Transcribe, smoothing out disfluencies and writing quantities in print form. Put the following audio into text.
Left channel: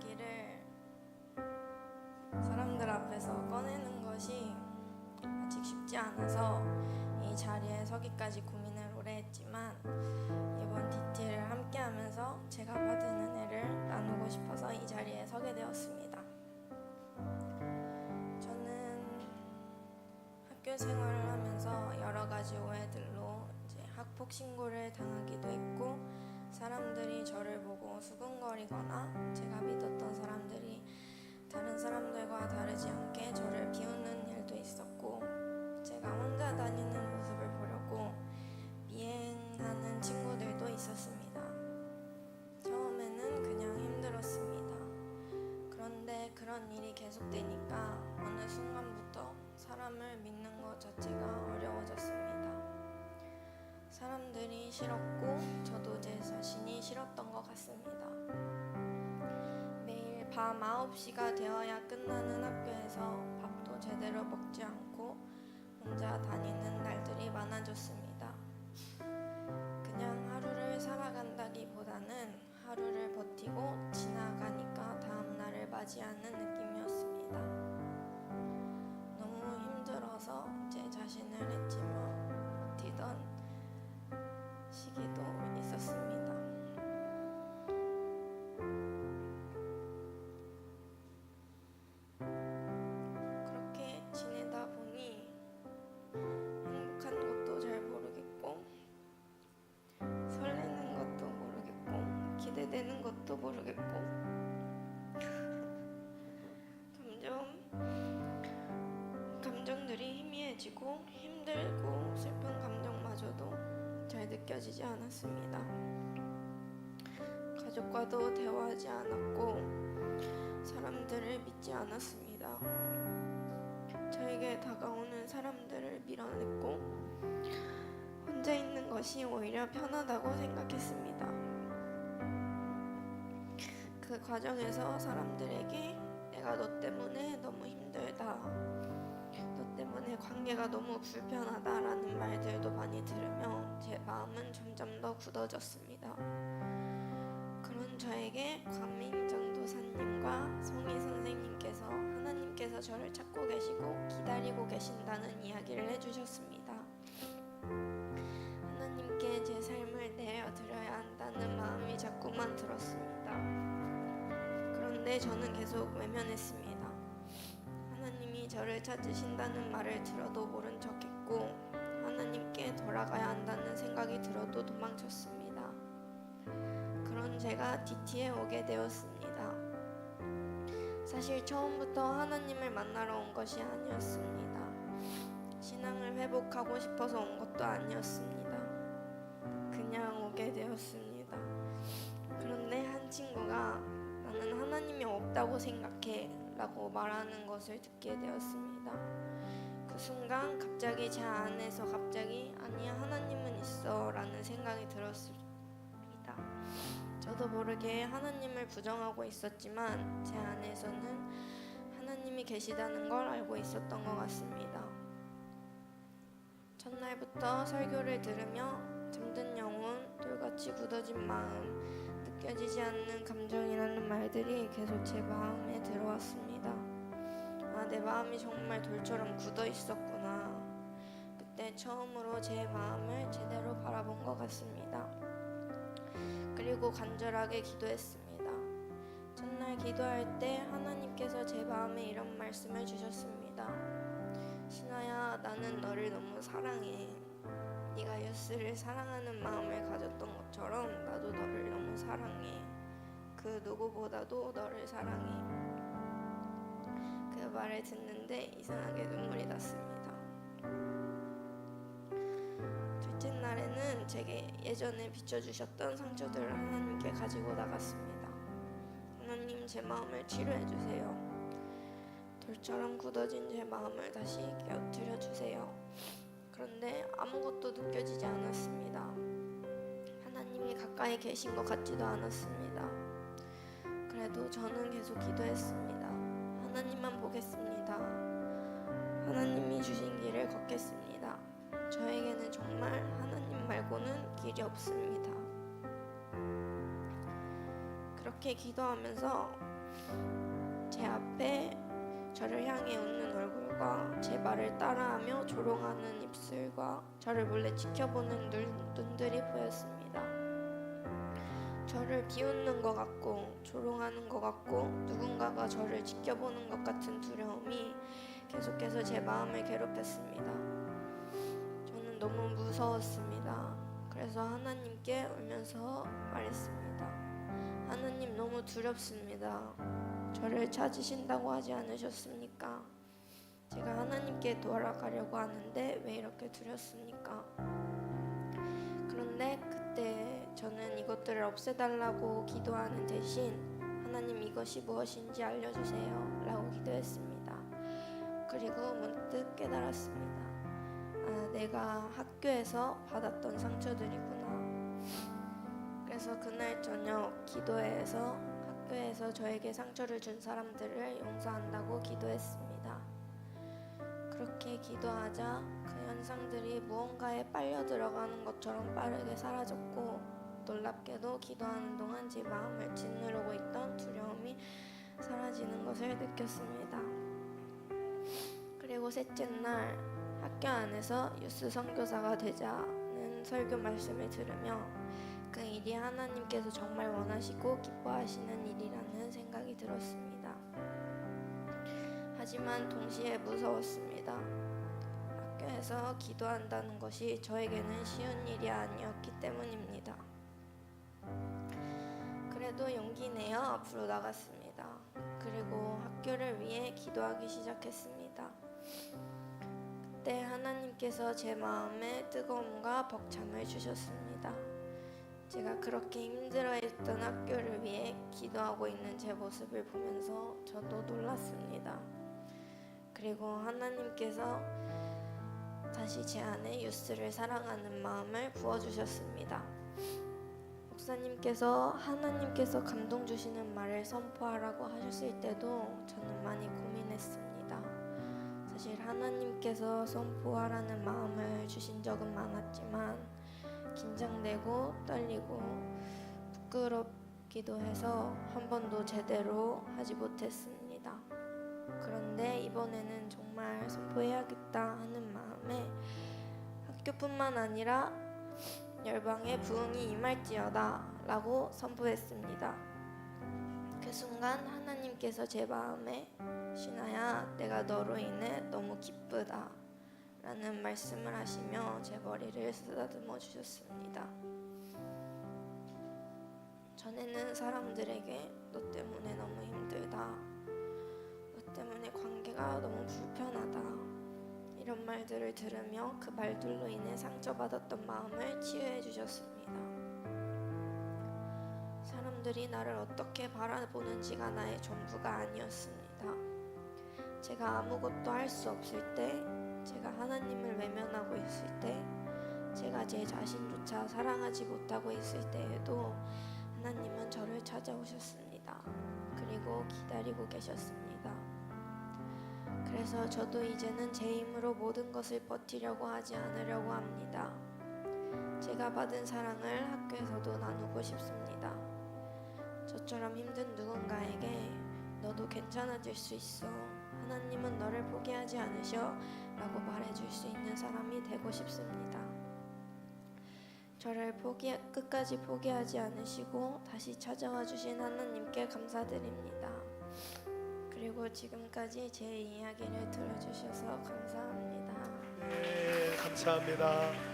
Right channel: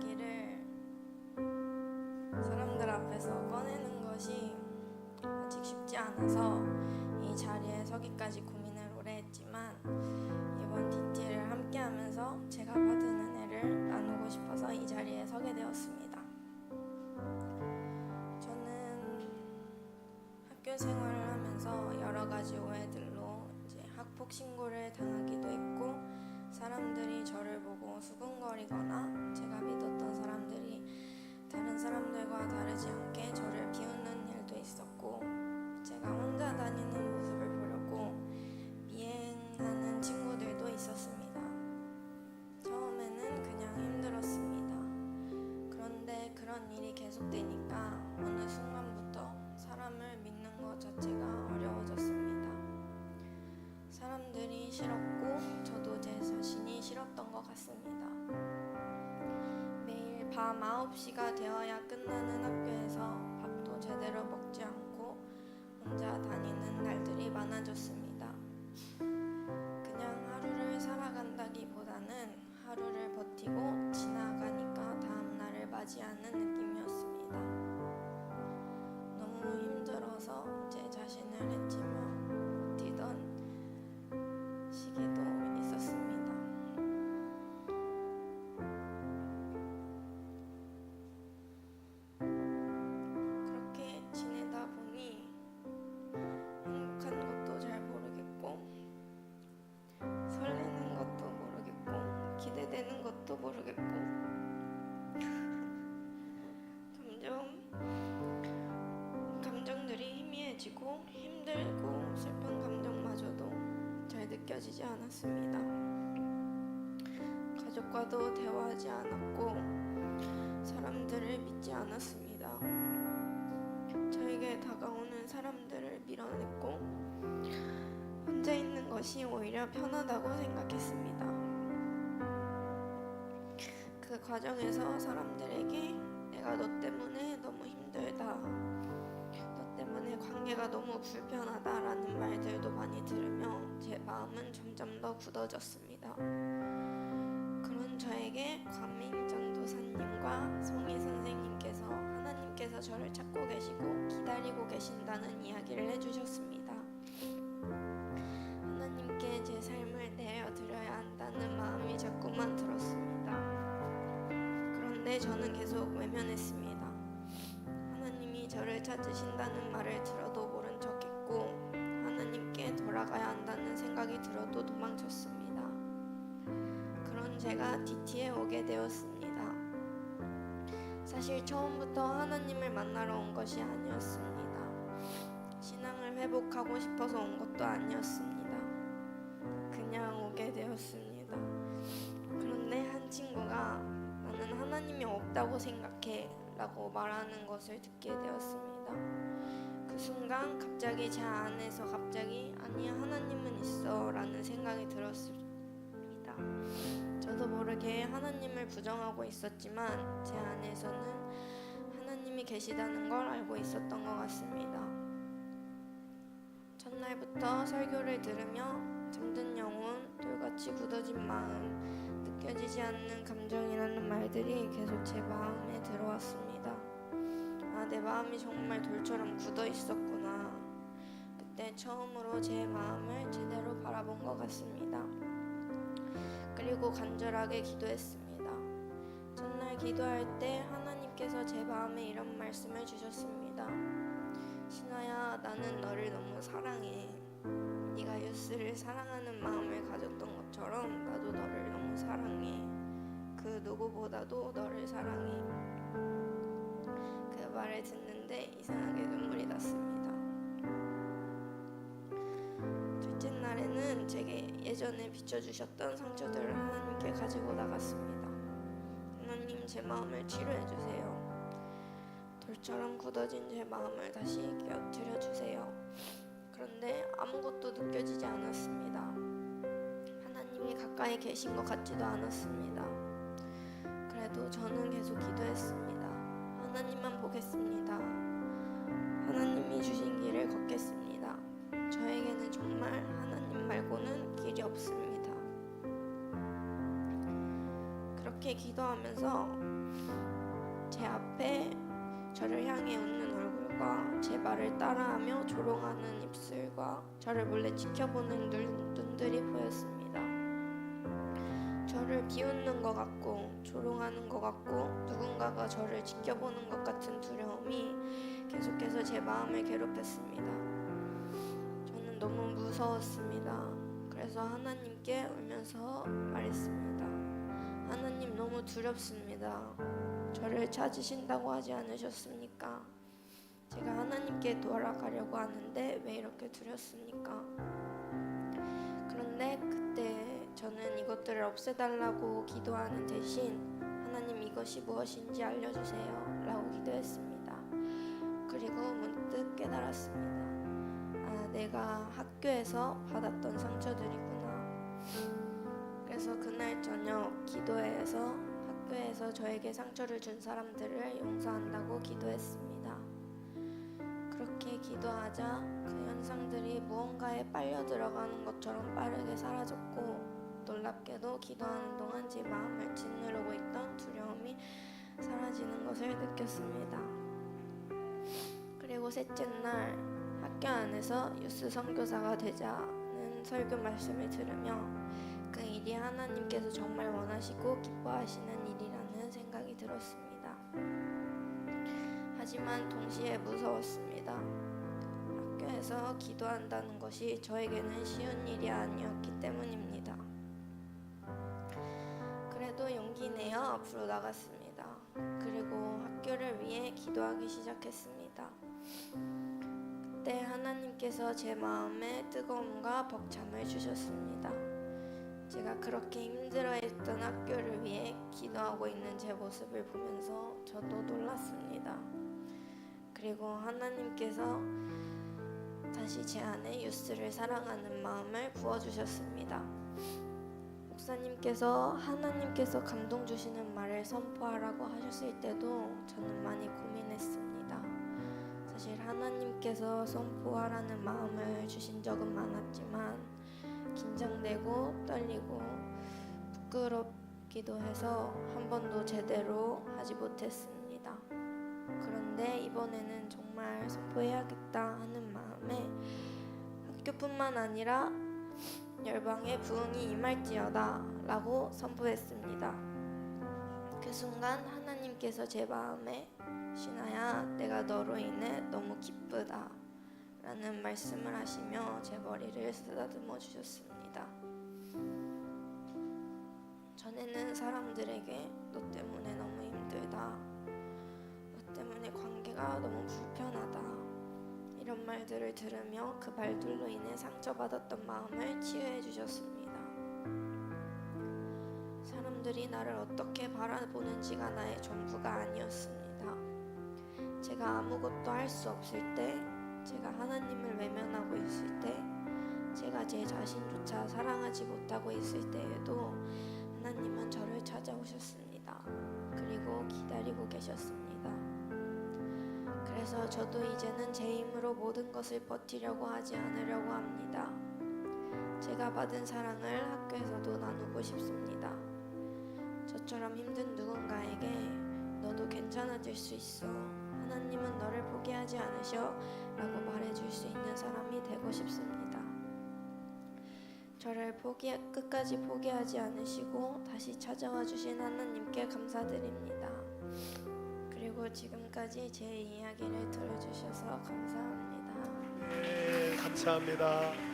이야기를 사람들 앞에서 꺼내는 것이 아직 쉽지 않아서 이 자리에 서기까지 고민을 오래 했지만 이번 DT를 함께 하면서 제가 받은 은혜를 나누고 싶어서 이 자리에 서게 되었습니다. 저는 학교 생활을 하면서 여러 가지 오해들로 이제 학폭 신고를 당하기도 했고, 사람들이 저를 보고 수군거리거나 제가 믿었던 사람들이 다른 사람들과 다르지 않게 저를 비웃는 일도 있었고, 제가 혼자 다니는 모습을 보려고 미행하는 친구들도 있었습니다. 처음에는 그냥 힘들었습니다. 그런데 그런 일이 계속되니까 어느 순간부터 사람을 믿는 것 자체가 어려워졌습니다. 사람들이 싫었고 저도 제 자신이 싫었던 것 같습니다. 매일 밤 9시가 되어야 끝나는 학교에서 밥도 제대로 먹지 않고 혼자 다니는 날들이 많아졌습니다. 그냥 하루를 살아간다기보다는 하루를 버티고 지나가니까 다음 날을 맞이하는 느낌이었습니다. 너무 힘들어서 제 자신을 해치며 버티던 시기도 있었습니다. 그렇게 지내다 보니 행복한 것도 잘 모르겠고, 설레는 것도 모르겠고, 기대되는 것도 모르겠고, 감정들이 희미해지고 힘들고 슬픈 감정마저도 잘 느껴지지 않았습니다. 가족과도 대화하지 않았고 사람들을 믿지 않았습니다. 저에게 다가오는 사람들을 밀어냈고 혼자 있는 것이 오히려 편하다고 생각했습니다. 그 과정에서 사람들에게 내가 너 때문에 너무 힘들다, 너 때문에 관계가 너무 불편하다라는 말들도 많이 들으며 제 마음은 점점 더 굳어졌습니다. 그런 저에게 과민 전도사님과 송희 선생님께서 하나님께서 저를 찾고 계시고 기다리고 계신다는 이야기를 해주셨습니다. 하나님께 제 삶을 내어드려야 한다는 마음이 자꾸만 들었습니다. 그런데 저는 계속 외면했습니다. 하나님이 저를 찾으신다는 말을 들어도 모른 척했고, 하나님께 돌아가야 한다는 생각이 들어도 도망쳤습니다. 그런 제가 DT에 오게 되었습니다. 사실 처음부터 하나님을 만나러 온 것이 아니었습니다. 신앙을 회복하고 싶어서 온 것도 아니었습니다. 그냥 오게 되었습니다. 그런데 한 친구가 나는 하나님이 없다고 생각해 라고 말하는 것을 듣게 되었습니다. 그 순간 갑자기 제 안에서 아니야, 하나님은 있어 라는 생각이 들었습니다. 저도 모르게 하나님을 부정하고 있었지만 제 안에서는 하나님이 계시다는 걸 알고 있었던 것 같습니다. 첫날부터 설교를 들으며 잠든 영혼, 돌같이 굳어진 마음, 느껴지지 않는 감정이라는 말들이 계속 제 마음에 들어왔습니다. 아, 내 마음이 정말 돌처럼 굳어 있었구나. 그때 처음으로 제 마음을 제대로 바라본 것 같습니다. 그리고 간절하게 기도했습니다. 첫날 기도할 때 하나님께서 제 마음에 이런 말씀을 주셨습니다. 신아야, 나는 너를 너무 사랑해. 네가 예수를 사랑하는 마음을 가졌던 것처럼 나도 너를 너무 사랑해. 그 누구보다도 너를 사랑해. 그 말을 듣는데 이상하게 눈물이 났습니다. 둘째 날에는 제게 예전에 비춰주셨던 상처들을 하나님께 가지고 나갔습니다. 하나님, 제 마음을 치료해주세요. 돌처럼 굳어진 제 마음을 다시 깨어뜨려주세요. 그런데 아무것도 느껴지지 않았습니다. 하나님이 가까이 계신 것 같지도 않았습니다. 그래도 저는 계속 기도했습니다. 하나님만 보겠습니다. 하나님이 주신 길을 걷겠습니다. 저에게는 정말 하나님 말고는 길이 없습니다. 그렇게 기도하면서 제 앞에 저를 향해 웃는 얼굴과 제 말을 따라하며 조롱하는 입술과 저를 몰래 지켜보는 눈들이 보였습니다. 저를 비웃는 것 같고 조롱하는 것 같고 누군가가 저를 지켜보는 것 같은 두려움이 계속해서 제 마음을 괴롭혔습니다. 저는 너무 무서웠습니다. 그래서 하나님께 울면서 말했습니다. 하나님, 너무 두렵습니다. 저를 찾으신다고 하지 않으셨습니까? 제가 하나님께 돌아가려고 하는데 왜 이렇게 두렵습니까? 그런데 그때 저는 이것들을 없애달라고 기도하는 대신 하나님, 이것이 무엇인지 알려주세요 라고 기도했습니다. 그리고 문득 깨달았습니다. 내가 학교에서 받았던 상처들이구나. 그래서 그날 저녁 기도회에서 학교에서 저에게 상처를 준 사람들을 용서한다고 기도했습니다. 그렇게 기도하자 그 현상들이 무언가에 빨려 들어가는 것처럼 빠르게 사라졌고, 놀랍게도 기도하는 동안 제 마음을 짓누르고 있던 두려움이 사라지는 것을 느꼈습니다. 그리고 셋째 날 학교 안에서 유스 선교사가 되자는 설교 말씀을 들으며 그 일이 하나님께서 정말 원하시고 기뻐하시는 일이라는 생각이 들었습니다. 하지만 동시에 무서웠습니다. 학교에서 기도한다는 것이 저에게는 쉬운 일이 아니었기 때문입니다. 그래도 용기 내어 앞으로 나갔습니다. 그리고 학교를 위해 기도하기 시작했습니다. 그때 하나님께서 제 마음에 뜨거움과 벅참을 주셨습니다. 제가 그렇게 힘들어했던 학교를 위해 기도하고 있는 제 모습을 보면서 저도 놀랐습니다. 그리고 하나님께서 다시 제 안에 유스를 사랑하는 마음을 부어주셨습니다. 목사님께서 하나님께서 감동 주시는 말을 선포하라고 하셨을 때도 저는 많이 고민했습니다. 사실 하나님께서 선포하라는 마음을 주신 적은 많았지만 긴장되고 떨리고 부끄럽기도 해서 한 번도 제대로 하지 못했습니다. 그런데 이번에는 정말 선포해야겠다 하는 마음에 학교뿐만 아니라 열방에 부흥이 임할지어다 라고 선포했습니다. 그 순간 하나님께서 제 마음에 신아야, 내가 너로 인해 너무 기쁘다 라는 말씀을 하시며 제 머리를 쓰다듬어 주셨습니다. 전에는 사람들에게 너 때문에 너무 힘들다, 너 때문에 관계가 너무 불편하다 이런 말들을 들으며 그 말들로 인해 상처받았던 마음을 치유해 주셨습니다. 사람들이 나를 어떻게 바라보는지가 나의 전부가 아니었습니다. 제가 아무것도 할 수 없을 때, 제가 하나님을 외면하고 있을 때, 제가 제 자신조차 사랑하지 못하고 있을 때에도 하나님은 저를 찾아오셨습니다. 그리고 기다리고 계셨습니다. 그래서 저도 이제는 제 힘으로 모든 것을 버티려고 하지 않으려고 합니다. 제가 받은 사랑을 학교에서도 나누고 싶습니다. 저처럼 힘든 누군가에게 너도 괜찮아질 수 있어, 하나님은 너를 포기하지 않으셔 라고 말해줄 수 있는 사람이 되고 싶습니다. 저를 끝까지 포기하지 않으시고 다시 찾아와 주신 하나님께 감사드립니다. 그리고 지금까지 제 이야기를 들어주셔서 감사합니다. 네, 감사합니다.